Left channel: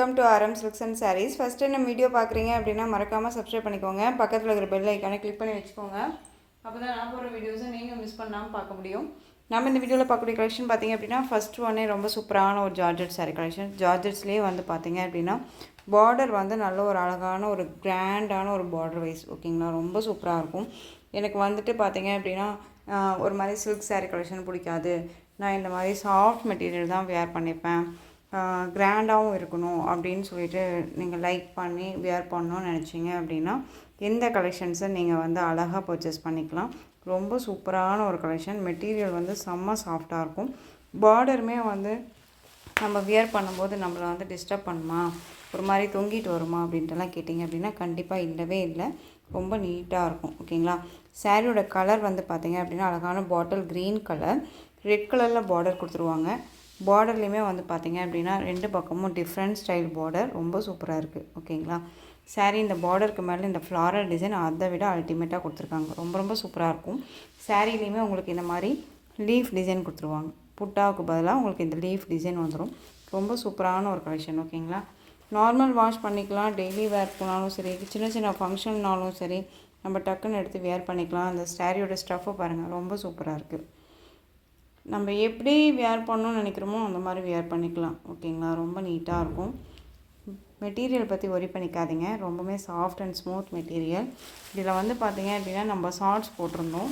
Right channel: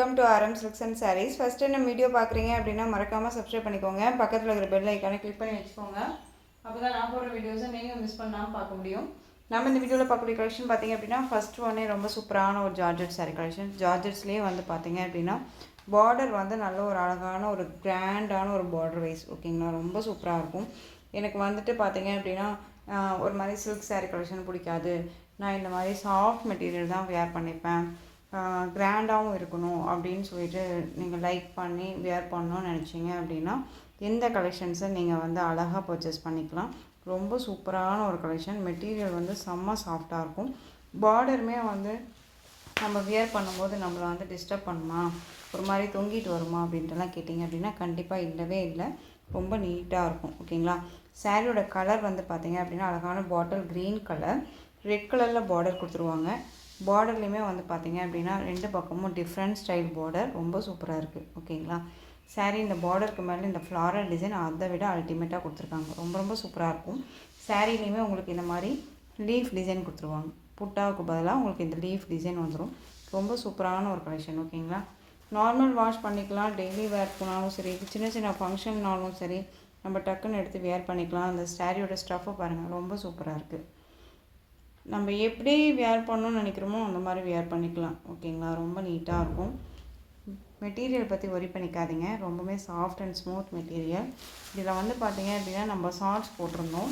Welcome to RM Silks and Sarees. First நம்ம video பார்க்குறீங்க அப்படின்னா மறக்காமல் சப்ஸ்கிரைப் பண்ணிக்கோங்க. பக்கத்தில் இருக்கிற பெல் ஐக்கானை கிளிக் பண்ணி வச்சுக்கோங்க. அப்போ தான் நான் போடுற வீடியோஸை நீங்கள் மிஸ் பண்ணாமல் பார்க்க முடியும். நம்ம இந்த வீடியோவில் பார்க்கக்கூடிய கலெக்ஷன் பார்த்திங்க அப்படின்னா ஃபஸ்ட்டு ஒன்னே ரொம்ப சூப்பரான ஒரு ஜார்ஜெட் சாரீ கலெக்ஷன். ஜார்ஜெட்ஸ்லேயே வந்து பார்த்திங்க அப்படின்னா பார்டர் வந்து நல்ல ஒரு அழகான ஒரு கிராண்டான ஒரு பார்டர் வைஸ் ஓகேங்களா, ரொம்ப சூப்பராக இருக்கும். எனக்கு வந்துட்டு பார்த்திங்க அப்படின்னா ஒரு மாதிரி சில்க் சாரீ கலெக்ஷன் பிடிக்காது, நான் இந்த மாதிரி சாஃப்ட் மெட்டீரியல் தான் வேர் பண்ணிப்பேன், கிராண்டாகவும் இருக்கணும் அப்படின்னு சொல்லிட்டு நீங்கள் லைக் பண்ணி வேர் பண்ணணும்னு நினச்சிங்க அப்படின்னா எந்த கலெக்ஷன்ஸை நீங்கள் வந்து அழகாக பர்ச்சேஸ் பண்ணிக்கலாம். ரொம்ப சூப்பரான ஒரு கலெக்ஷன். மெட்டீரியல் வந்து செம்ம சாஃப்டாக இருக்கும். பார்டருமே வந்து நம்ம வியர் பண்ணும்போது நம்மளை வந்து டிஸ்டர்ப் பண்ணுமா, ஒரு மாதிரி தொங்கிட்டு வருமா அப்படின்ட்டுலாம் கேட்டிங்க அப்படின்னா கண்டிப்பாக இல்லவே இல்லை, ரொம்ப நீட்டாக இருக்கும் ஓகேங்களா. சாரியோட கலர் வந்து பார்த்திங்க அப்படின்னா அழகான பாட்டில் க்ரீன் கலர், ரெட் கலரில் பார்டர் கொடுத்துருவாங்க. பார்டர்லேயுமே வந்து பார்த்திங்க அப்படின்னா ரெண்டு பக்கமும் டிஃப்ரெண்ட் ஸ்டைல் பார்டர், ரொம்ப சூப்பராக இருக்குது ஓகேங்களா. சாரீ இந்த பார்டருக்கு மேலே இந்த ஃப்ளாரல் டிசைன் அதை விட அல்டிமேட்டாக கொடுத்துருக்காங்க, ரொம்ப ரொம்ப சூப்பராக இருக்கும். சாரீலேயுமே உங்களுக்கு இந்த மாதிரி லீஃப் டிசைன் கொடுத்துருவாங்க, புட்டாவுக்கு பதிலாக உங்களுக்கு இந்த லீஃப் டிசைன் வந்துடும். ரொம்ப சூப்பரான ஒரு கலெக்ஷன் ஓகேங்களா. நார்மல் வாஷ் பண்ணிக்கலாம், டெய்லி வேர்க்குனாலும் சரி, சின்ன சின்ன ஃபங்க்ஷன்னாலும் சரி நம்ம டக்குன்னு எடுத்து வேர் பண்ணிக்கலாம். இந்த சாரியோட ஸ்டஃப்பை பாருங்கள், ரொம்ப சூப்பராக இருக்குது. நம்ம எப்படி வேர் பண்ணணும்னு நினைக்கிறோமோ அந்த மாதிரி வேர் பண்ணிக்கலாம் ஓகேங்களா. ரொம்ப நீட்டாக இருக்கும். மெட்டீரியல் பற்றி ஒரி பண்ணிக்காதீங்க, ரொம்பவே சாஃப்ட் அண்ட் ஸ்மூத் மெட்டீரியல். இதில் வந்து பார்த்திங்க அப்படின்னா நம்ம ஷார்ட்ஸ் போட்டிருந்தோம்.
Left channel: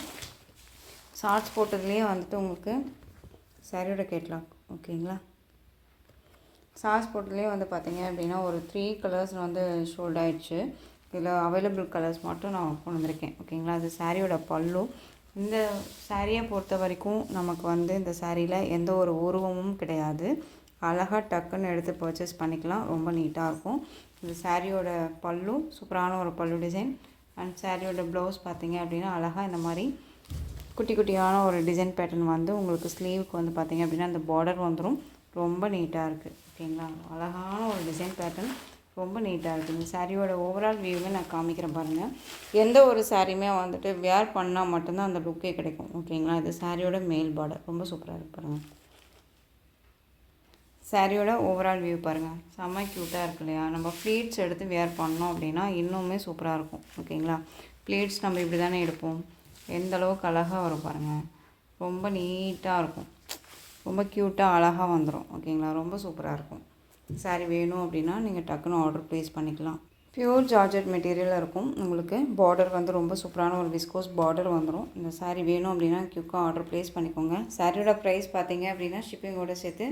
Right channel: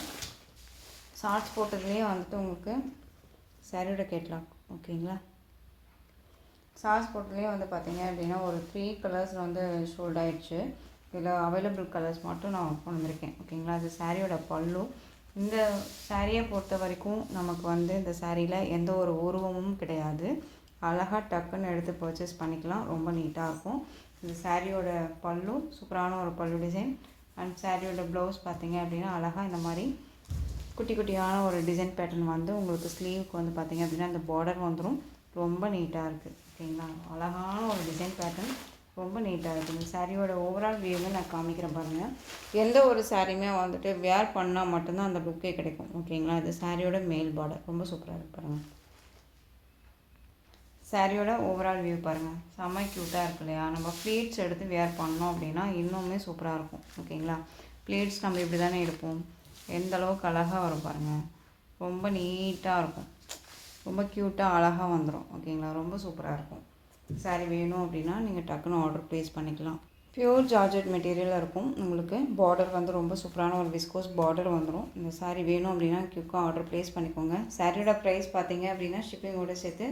ஷார்ட்ஸ் போட்டதுலேயே வந்துட்டு உங்களுக்கு சாரியோட கேட்லாக் ஓகேங்களா. ஷார்ட்ஸ் போட்டதுலேயே வந்து பார்த்திங்க அப்படின்னா ஒரு 3 கலர்ஸ் வந்து ஷோல்ட் ஆகிடுச்சு. இதில் அவைலபிள் கலர்ஸ் மட்டும் நான் கொண்டு வந்திருக்கேன் ஓகேங்களா. அது சாரியோட பல்லு. இந்த சாரியை பொறுத்த வரைக்கும் நமக்கு வந்து இந்த சாரியில் எந்த ஒரு உருவமும் கிடையாது, அழகாக டக்குன்னு எடுத்து பர்ச்சேஸ் பண்ணிக்கலாம், ரொம்ப நீட்டாக இருக்கும். இந்த சாரியோட பல்லு சூப்பரான ஒரு பல்லு டிசைன். அண்ட் சாரியோட ப்ளவுஸ் பார்த்திங்க அப்படின்னா அழகாக இந்த மாதிரி குட்டி குட்டியான ஒரு டிசைன் பேட்டர்ன் வந்து உங்களுக்கு ஸ்லீவுக்கு வந்து பார்த்திங்க அப்படின்னா இந்த பார்டர் வந்துடும், ரொம்ப நீட்டாக இருக்குது ஓகேங்களா. அழகான ஒரு டிசைன் பேட்டர்ன், ரொம்ப நீட்டாக இருக்குது. இந்த சாரியோட ஓவரால் வியூவே நான் காமிக்கிறேன் பாருங்கள். எந்த ஒரு சாரியுமே வந்துட்டு வேர் பண்ணால் மட்டும்தான் அந்த லுக்கே கிடைக்கும் ஓகேங்களா. இது சாரியோட மேல் பார்டர், ரொம்ப சூப்பராக இருக்குது பாருங்கள். சாரியோட ஓவரால் வியூ பாருங்கள், செம்ம க்யூட்டாக இருக்கு இல்லையா. நம்ம ப்ளீட்ஸ் எடுத்து வேர் பண்ணோம் அப்படின்னா இன்னுமே சூப்பராக இருக்கும் ஓகேங்களா. ப்ளீட்ஸ் நம்ம இப்படி தானே எடுப்போம், எந்த அளவுக்கு அழகாக வரும் பாருங்கள், ரொம்ப நீட்டாக இருக்கும், ரொம்ப க்யூட்டாக அழகாக வந்துடும் ஓகேங்களா. ரொம்ப சூப்பராக இருக்கும். சாரீ வேணும் அப்படின்னா நீங்கள் டக்குன்னு ஆர்டர் ப்ளேஸ் பண்ணிக்கலாம். பியூர் ஜார்ஜெட் மெட்டீரியலாக இருக்கும். உங்களுக்கு பார்டர் வந்து ரொம்ப சூப்பரான ஒரு விஸ்கோஸ் பார்டர் வந்துடும். இந்த சாரீ வேணும் அப்படின்னா குயிக்காக ஆர்டர் ப்ளேஸ் பண்ணிக்கோங்க. சாரியோட ப்ரைஸ் பார்த்தீங்க அப்படின்னா ஷிப்பிங்கோடு சேர்த்து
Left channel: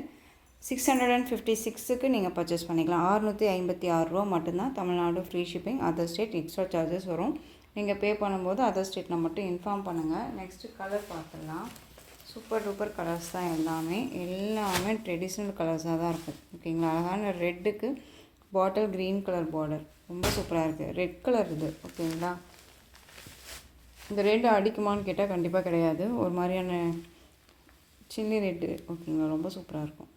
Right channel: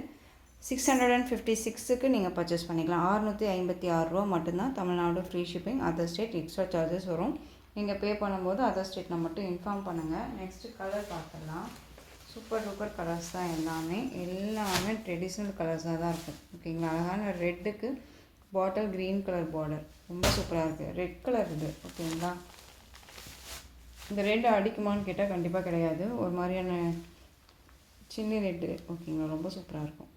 656க்கு நீங்கள் பர்ச்சேஸ் பண்ணிக்கலாம். 656 ரூபா மட்டும்தான். Tamil Nadu free shipping, other state extra charges வரும். நீங்கள் பே பண்ணும்போது அதர் ஸ்டேட்டில் மட்டும் இன்ஃபார்ம் பண்ணுங்கள். நெக்ஸ்ட்டு கலர் பார்க்கலாம். சூப்பர் டூப்பர் கலர்ஸ் தான் எல்லாமே ட்ரெடிஷ்னல் கலர்ஸாக தான் இருக்கும் ஓகேங்களா. அழகான ரெட்டுக்கு பாட்டில் க்ரீன் கலர் பார்டர், ரொம்ப சூப்பராக இருக்குது. ரெட் கலர் இது ஓகேங்களா. இந்த ரெட் அடிக்குமான்னு கேட்டால் கண்டிப்பாக கிடையாது, ஒரு மாதிரியான சில்லி ரெட்டு ஓகேங்களா, ரொம்ப சூப்பராக இருக்கும்.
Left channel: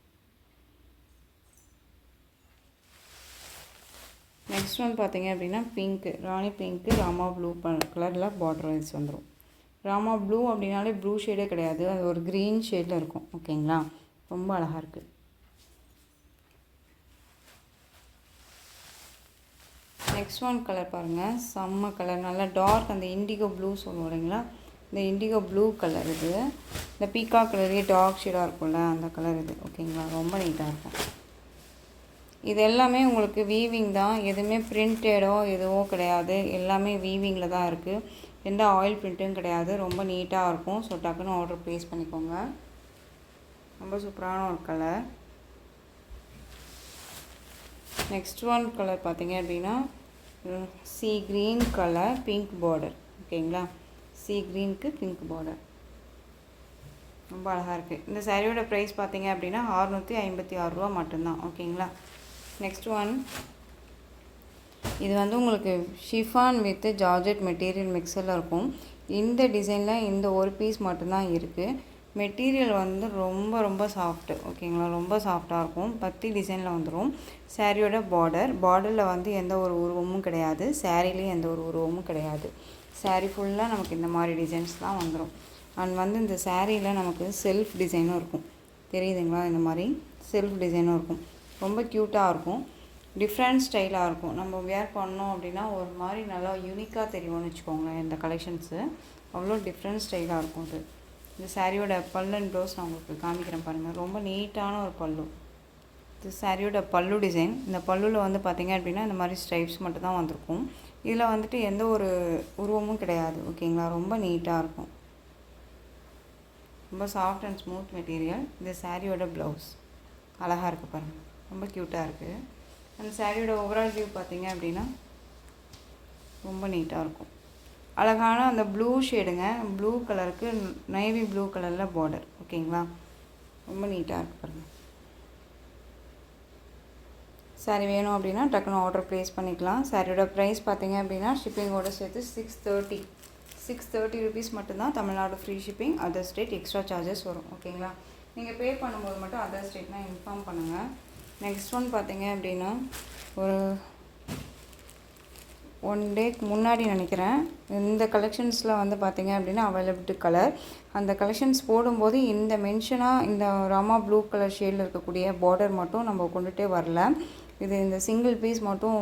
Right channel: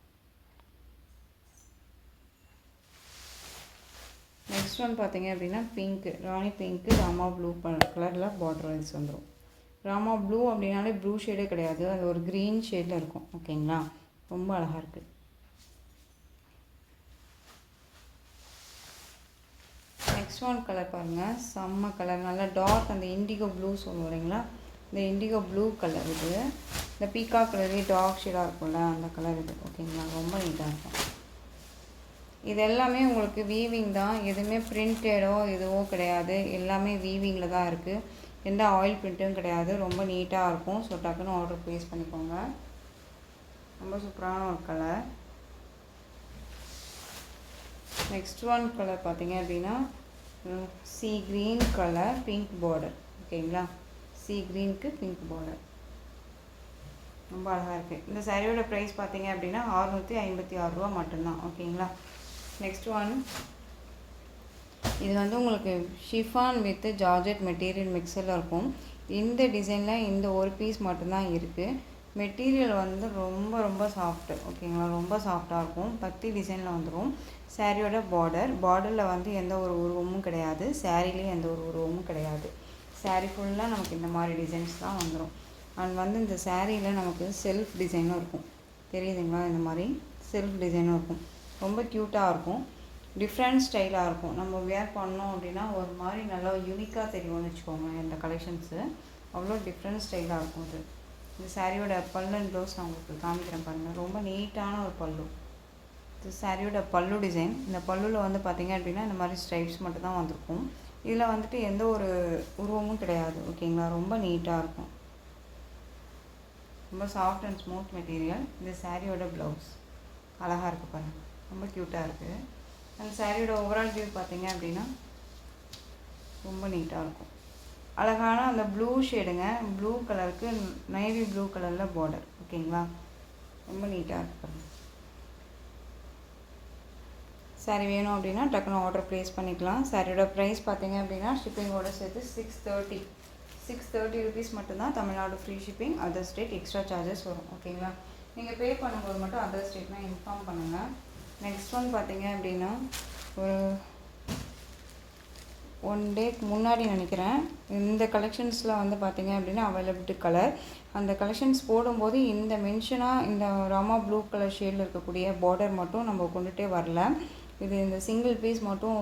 நெக்ஸ்ட் ஒன் பார்த்திங்க அப்படின்னா பிங்க்கு, ராணி பிங்க்கு ராமா ப்ளூ கலரில் பார்டர் வைஸ் வந்துடும். ராமா ப்ளூ அப்படின்னாலே ப்ளூ ஷேடே கிடையாது, அது ஒரு க்ரீன் ஷேடில் இருக்கும் ஓகேங்களா, ரொம்ப அழகாக இருக்குது. நெக்ஸ்ட் ஒன் கலர் பாருங்கள், செம்ம கலர், நல்லா டார்க் அந்த இண்டிகோ ப்ளூ சொல்லுவோம் இல்லைங்களா, இந்த இண்டிகோ ப்ளூ கலர் இது. இந்த பீக்கா கலரே டார்க் ஷேடாக இருக்கும்ல அந்த கலர் இது ஓகேங்களா, ரொம்ப நீட்டாக இருக்கும். இது எல்லாமே உங்களுக்கு வீவிங் தான், எதுவுமே பிரிண்டடோ எதுவோ கிடையாது, எல்லாமே வீவிங்கில் தான் இருக்குது, எந்த ஆயில் பிரிண்ட்டும் கிடையாது, ரொம்ப நீட்டாக இருக்கும். ஸோ டக்குன்னு ஆர்டர் ப்ளேஸ் பண்ணிக்கோங்க. ரொம்ப சூப்பரான ஒரு கலர். நெக்ஸ்ட் ஒன் கலர் பார்த்திங்க அப்படின்னா C green colour, pink border ஓகேங்களா. சி க்ரீனுக்கு பிங்க் பார்டர், ரொம்ப அழகாக இருக்குது. இந்த சாரியோட ப்ரைஸ் பார்த்திங்க அப்படின்னா 656 ரூபா மட்டும்தான் ஓகேங்களா. நெக்ஸ்ட் ஒன், இது வந்து உங்களுக்கு ஷிஃபான் வித் ஜார்ஜெட் மெட்டீரியல் மிக்சரில் இருக்கும். இந்த டிசைனில் இந்த ஒரு பீஸ் மட்டும்தான் இருக்குது. மெட்டீரியல் வந்து ரொம்ப ரொம்ப சாஃப்ட்டு ஓகேங்களா, ரொம்ப சாஃப்டாக இருக்கும். பத்தி டிசைனில் வந்துடும். சாரியோட பார்டரில் வந்து எந்த ஒரு உருவமும் கிடையாது, சாரிலேயும் எந்த ஒரு உருவமும் கிடையாது. சாரீ ஃபுல்லாக நமக்கு இந்த மாதிரி டிசைன்ஸ் தான் வந்துடும். அண்ட் வந்து இந்த சாரியில் நமக்கு செல்ஃப் டிசைனும் இருக்கும், தெரியுதுங்களா, இந்த மாதிரி செல்ஃப் டிசைனும் இருக்கும், ரொம்ப க்யூட்டாக இருக்கும். டிஃப்ரெண்ட் ஸ்டைலாக இருக்கும். நம்ம வேர் பண்ணோம் அப்படின்னா ஒரு மாதிரி நல்லா யூனிக்காக தெரியும்னு வச்சுக்கோங்களேன். இந்த கலெக்ஷன்ஸு அவ்வளோ டிஃப்ரெண்ட் ஸ்டைலாக இருக்கும். இது இந்த சாரியோட பல்லு அண்ட் ப்ளவுஸ் நான் உங்களுக்கு காமிக்கிறேன் பாருங்கள். ரொம்ப நீட்டான ஒரு பல்லு. இது சாரியோட பல்லு டிசைன். இந்த பல்லுவில் வந்து பார்த்திங்க அப்படின்னா இந்த மாதிரி ஸ்ட்ரைப்ஸ் மட்டும் தான் வந்திருக்கும். இதில் வந்துட்டு எந்த ஒரு உருவமும் கிடையாது. ஓகேங்களா, ரொம்ப நீட்டாக இருக்கும். ரொம்ப சாஃப்ட் அண்ட் ஸ்மூத் மெட்டீரியல். இந்த சாரியோட ப்ளவுஸ் அழகாக இருக்குது பாருங்கள், ரொம்ப க்யூட்டாக இருக்குது. அந்த சாரியோட ஓவரால் வியூ பார்த்திங்க அப்படின்னா ரொம்ப நீட்டாக இருக்கும். அழகான அந்த ப்ளூ ஷேடுங்க, ப்ளூ கலருக்கு நேவி ப்ளூ கலரில் பார்டர். ஓகேங்களா, ரொம்ப நீட்டாக இருக்குது பாருங்கள். சாரி வேணும் அப்படின்னா டக்குன்னு ஆர்டர் ப்ளேஸ் பண்ணிக்கலாம். சாரியோட ப்ரைஸ் பார்த்திங்க அப்படின்னா ஷிப்பிங்கோடு சேர்த்து 630 ருபீஸ் மட்டும்தான். Tamil Nadu free shipping. Other state extra charges வரும். ஓகேங்களா, நீங்கள் பே பண்ணும்போது மட்டும் அதர் ஸ்டேட்னால் இன்ஃபார்ம் பண்ணுங்கள். நெக்ஸ்ட் ஒன் பார்த்திங்க அப்படின்னா ஒரு 1 டேக்கு முன்னாடி நினைக்கிறேன், இந்த கலெக்ஷன்ஸில் வந்து பார்த்திங்க அப்படின்னா அவைலபிலிட்டி கலர். அந்த கலெக்ஷன்ஸ் போடும்போது இந்த மென்ஷனாக இந்த ராமா ப்ளூ கலர் ஷேடில் இருக்கக்கூடிய பார்டர் மட்டும் நம்ம கொண்டுகிட்டே வரல. இது இந்த சிங்கிள் பீஸ் மட்டும்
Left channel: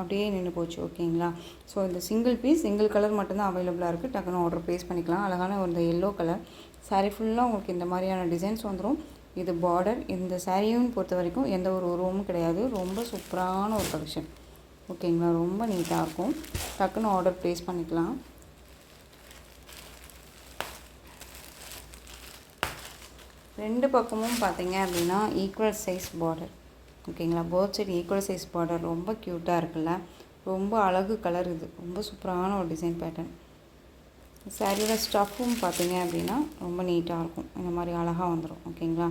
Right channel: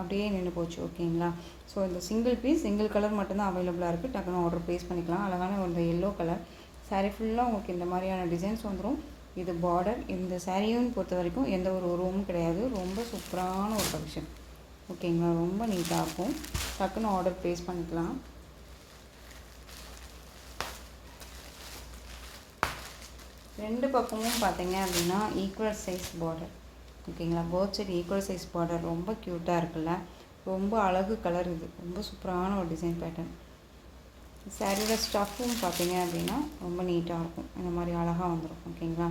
அப்படியே நின்று போச்சு. ஓகேங்களா, ஸோ இந்த சிங்கிள் கலர் மட்டும்தான் அவைலபிளாக இருக்குது. டக்குன்னு ஆர்டர் ப்ளேஸ் பண்ணிக்கலாம். அழகான ஒரு எல்லோ கலர் சாரீ ஃபுல்லாக உங்களுக்கு இந்த மாதிரியான டிசைன்ஸ் வந்துடும். இது பார்டர். இந்த சாரியும் பொறுத்த வரைக்கும் எந்த ஒரு உருவமும் கிடையாது. ரொம்ப சூப்பரான ஒரு கலெக்ஷன். ஓகேங்களா, ரொம்ப நீட்டாக இருக்கும். டக்குன்னு ஆர்டர் ப்ளேஸ் பண்ணிக்கலாம். ரெண்டு பக்கமும் பார்த்தீங்க அப்படின்னா ஈக்குவல் சைஸ் பார்டர். ஓகேங்களா, both side equal size border. ரொம்ப க்யூட்டாக இருக்குல்ல, ரொம்ப அழகு கலர். இது ரொம்ப சூப்பரான ஒரு டிசைன் பேட்டர்ன். சாரியோட ஸ்டஃப்பும் பார்த்தீங்க அப்படின்னா ரொம்ப நீட்டாக இருக்கும். இந்த மாதிரி அழகாக வந்துடும். ஓகேங்களா,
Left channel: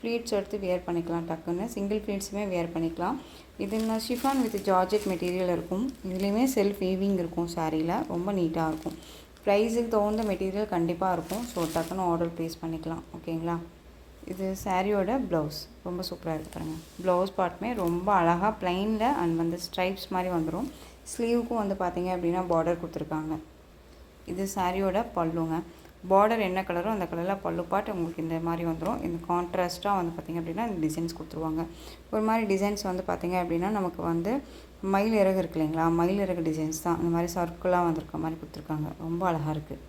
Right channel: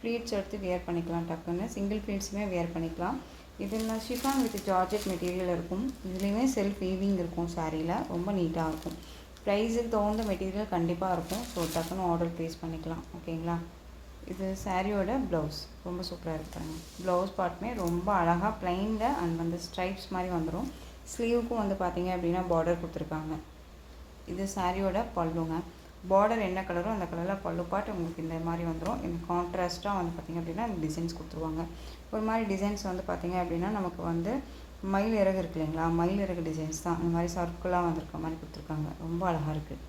ப்ளீட்ஸ் எடுத்து வேர் பண்ணிக்கலாம். டக்குன்னு சிங்கிள் ப்ளீட்ஸுமே வேர் பண்ணிக்கலாம். இது ஷிஃபான் வித் ஜார்ஜெட் மெட்டீரியல் இருக்கும். இதுலேயுமே செல்ஃப் வீவிங் இருக்கும். சாரியில் ரொம்ப நீட்டாக இருக்கும். ப்ரைஸுக்கு தகுந்த மெட்டீரியல் கண்டிப்பாக இருக்கும். ஸோ டக்குன்னு ஆர்டர் ப்ளேஸ் பண்ணிக்கலாம். ஓகேங்களா, இது சாரியோட ப்ளவுஸ் ரொம்ப சூப்பராக இருக்குறாங்க. ப்ளவுஸ் பார்ட்டுமே ரொம்ப அழகாக ப்ளைனில் அண்ட் வந்து ஸ்ட்ரைப்ஸ் மாதிரி வந்துடும். ஸ்லீவுக்கும் வந்து பார்த்திங்க அப்படின்னா பார்டர் கொடுத்துருக்காங்க. இது சாரியோட பல்லுங்க. பார்டர் என்ன கலரோ அந்த கலரில் பல்லு பாட்டு உங்களுக்கு இந்த மாதிரி வந்துடும். இந்த கான்ட்ராஸ்ட்டாக வந்து பார்த்திங்க அப்படின்னா இந்த டிசைன்ஸ் கொடுத்துருவாங்க. ஒரு மாதிரி டிசைன்ஸ் வந்து பார்த்திங்க அப்படின்னா நமக்கு வந்து மயில் இறகு இருக்கு இல்லைங்களா, மயில் இறகு டிசைன்ஸ் தான் இந்த மாதிரி சர்க்கிளாக வந்திருக்க மாதிரி கொடுத்துருக்காங்க. ரொம்ப அழகாக இருக்குது.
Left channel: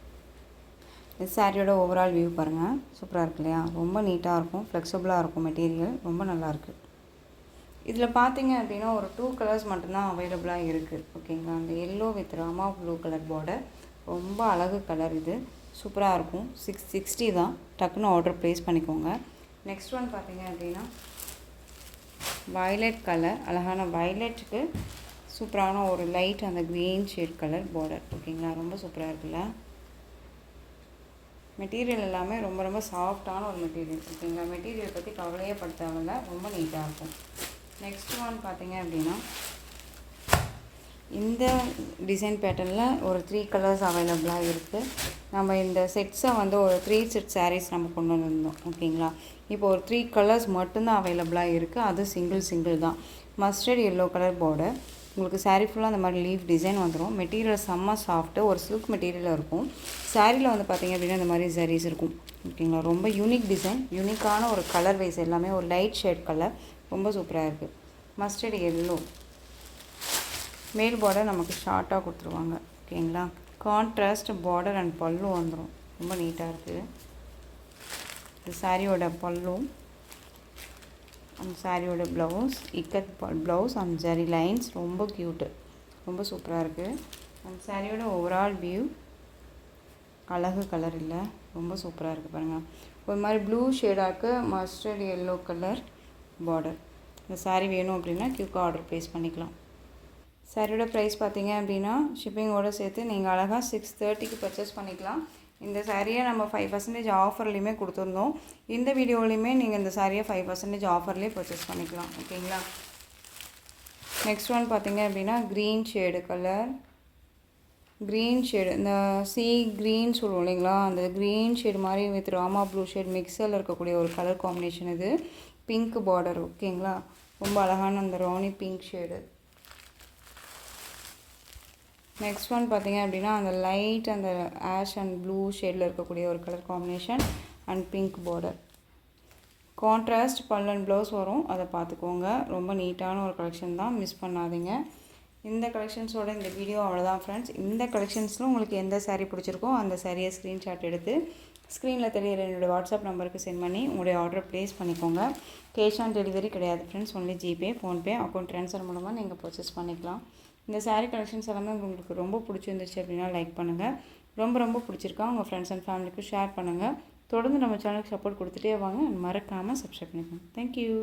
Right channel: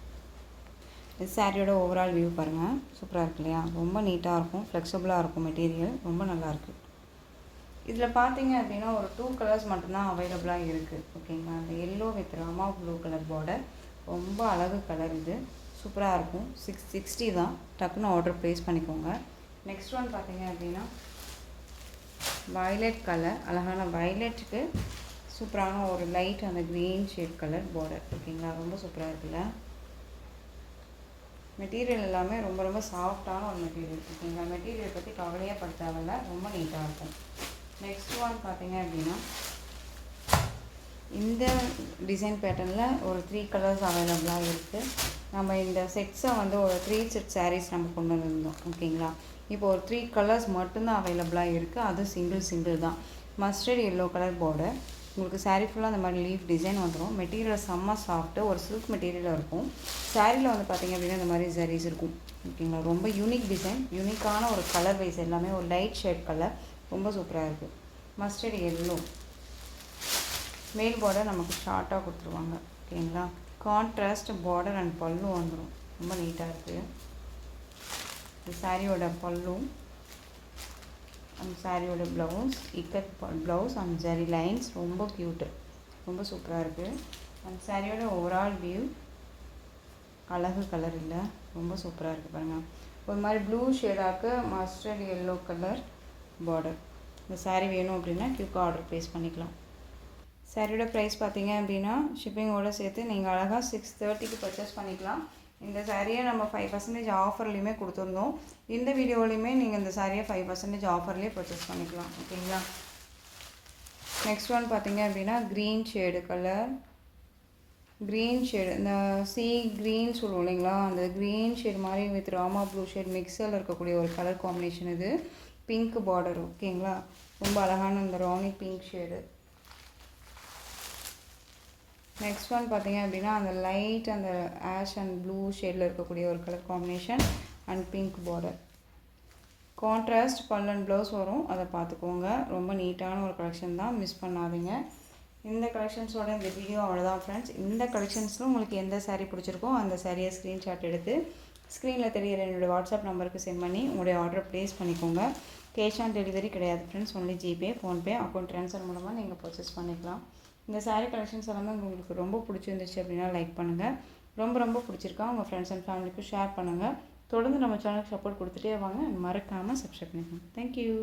இது சாரியோட ஓவரால் வியூ பாருங்கள், சூப்பராக இருக்கு இல்லையா. ரொம்ப நீட்டாக இருக்கும், ஃப்ளெக்சிபிளாக இருக்கும் மெட்டீரியல். ரொம்ப நல்லாயிருக்கு. இதில் பார்த்தீங்க அப்படின்னா ஒரு 2 கலர்ஸ் மட்டும்தான் அவைலபிளாக இருக்குது. ஓகேங்களா, அந்த yellow with Rama blue colour border. ரொம்ப அழகு கலர். இது சூப்பராக இருக்கும். 660 தான். டக்குன்னு ஆர்டர் ப்ளேஸ் பண்ணிக்கோங்க. நெக்ஸ்ட் ஒன் பார்த்தீங்க அப்படின்னா வயலட் கலர். அழகான வயலட்டுக்கு சூப்பரான ஒரு லைட் அந்த க்ரீன் ஷேட் கலர் பார்டர். ஓகேங்களா, ரொம்ப சூப்பராக இருக்குல்ல. மெட்டீரியல் எல்லாமே ரொம்ப ரொம்ப சாஃப்டான ஒரு மெட்டீரியல். ஓகேங்களா, மெட்டீரியல் பற்றி கவலையே படுத்தாமல் ரொம்ப நீட்டாக இருக்கும். நெக்ஸ்ட் ஒன் பார்த்தீங்க அப்படின்னா இந்த டிசைன் பேட்டர்னில் ஒரு 3 கலர்ஸ் அவைலபிளாக இருக்குது. நம்ம இந்த செட்ஸை வந்து ஒரு 3 செட் சாரீஸ் நம்ம கொண்டு வந்திருந்தோம். ஓகேங்களா, இப்போ ஒரு 3 கலர்ஸ் மட்டும்தான் அவைலபிளாக இருக்குது. அது சிங்கிள் தான். Mustard yellow colour border. உங்களுக்கு சாரீ ஃபுல்லாக அந்த மாதிரி லீஃப் டிசைன் வந்துடும். மெட்டீரியல் செம்ம சாஃப்ட்டு, ஒரு சில்க் மெட்டீரியலாக இருக்கும். சாரியில் வந்து பார்த்திங்க அப்படின்னா இந்த மாதிரி ஜரீஸ் இருக்கும். ஓகேங்களா, ரொம்ப யூனிக் டிசைன், யூனிக்கான ஒரு கலர் வைஸ் எல்லாமே ஒரு லைட் ஷேட் கலர். ரொம்ப சூப்பராக இருக்குது. மஸ்டர்ட் எல்லோ மேல் பார்டர் நமக்கு ஷார்ட்டாக கொடுத்துருவாங்க. ஓகேங்களா, கான்ட்ராஸ்ட் பார்டர் அண்ட் பல்லு வந்துடும். ரொம்ப நீட்டாக இருக்குது. இது சாரியோட பல்லு அண்ட் சாரியோட blouse. Ikat blouse and zari lines. ரொம்ப க்யூட்டு, ரொம்ப சூப்பராக இருக்குது. அந்த சாரியோட ஓவரால் வியூ அழகு கலர் இல்லை, ரொம்ப சூப்பராக இருக்குது பாருங்கள். ஒரு மாதிரி ப்ளூ ஷேடாக்கு மஸ்டர்ட் எல்லோ கலர் பார்டர். இந்த சாரீ வேணும் அப்படின்னா குயிக்காக ஆர்டர் ப்ளேஸ் பண்ணிக்கலாம். சாரியோட ப்ரைஸ் பார்த்தீங்க அப்படின்னா ஷிப்பிங்கோடு சேர்த்து நீங்கள் அழகாக 630க்கு பர்ச்சேஸ் பண்ணிக்கலாம். இந்த சாரியை நம்ம 5% ஆஃபர்லேயுமே கொடுத்துருந்தோம். இந்த வீடியோவிலையுமே நீங்கள் இந்த சாரியை 5% ஆஃபர்லேயே பர்ச்சேஸ் பண்ணிக்கலாம். ஓகேங்களா, நெக்ஸ்ட் ஒன் பார்த்தீங்க அப்படின்னா green shade colour. Green shade இந்த சி க்ரீன் சொல்லுவோம் இல்லைங்களா, அந்த க்ரீன் ஷேடு மாதிரி வித் ராமா ப்ளூ ஷேட் மிக்சரில் இருக்கக்கூடிய ஒரு கலர் காம்பினேஷன். இது பிங்க் பார்டர். ஓகேங்களா, ரொம்ப அழகான அந்த ராணி பிங்க் ஷேடு. நெக்ஸ்ட் ஒன் பார்த்தீங்க அப்படின்னா அந்த லைட் அந்த ஆஷ் அண்ட் ப்ளூ ஷேடில் இருக்கக்கூடிய ஒரு colour combination and pink border. Contrast பல்லன் ப்ளவுஸ் வரும், அதை பார்த்துக்கோங்க. ரொம்ப நீட்டான ஒரு கலெக்ஷன் தான், மிஸ் பண்ணாதீங்க. இந்த கலெக்ஷன்ஸோட இந்த வீடியோ அவ்வளோதான் ஃப்ரெண்ட்ஸ். இந்த கலெக்ஷன்ஸில் உங்களுக்கு எந்த சாரீ பிடிச்சிருக்கோ அந்த சாரியை ஸ்க்ரீன்ஷாட் எடுத்து ஸ்க்ரீனில் தெரியிற என்னோடய வாட்ஸ்அப் நம்பருக்கு சென்ட் பண்ணி உங்களுடைய ஆர்டர் ப்ளேஸ் பண்ணிக்கோங்க. கேஷ் ஆன் டெலிவரி கிடையாது friends, only GPay, PhonePe, account transfer மூலமாக நீங்கள் பர்ச்சேஸ் பண்ணிக்கலாம். இந்த சாரீ கலெக்ஷன்ஸ் எல்லாமே உங்களுக்கு ரொம்ப பிடிச்சிருந்துச்சு அப்படின்னா லைக் பண்ணுங்கள். ரொம்ப பிடிச்சிருக்கா உங்கள் ஃப்ரெண்ட்ஸ் அண்ட் ஃபேமிலிக்கு ஷேர் பண்ணுங்கள். தொடர்ந்து நம்ம சேனலுக்கு சப்போர்ட் கொடுத்துட்டே வாங்க. மறக்காமல் சப்ஸ்கிரைப் பண்ணிக்கோங்க. தேங்க்யூ.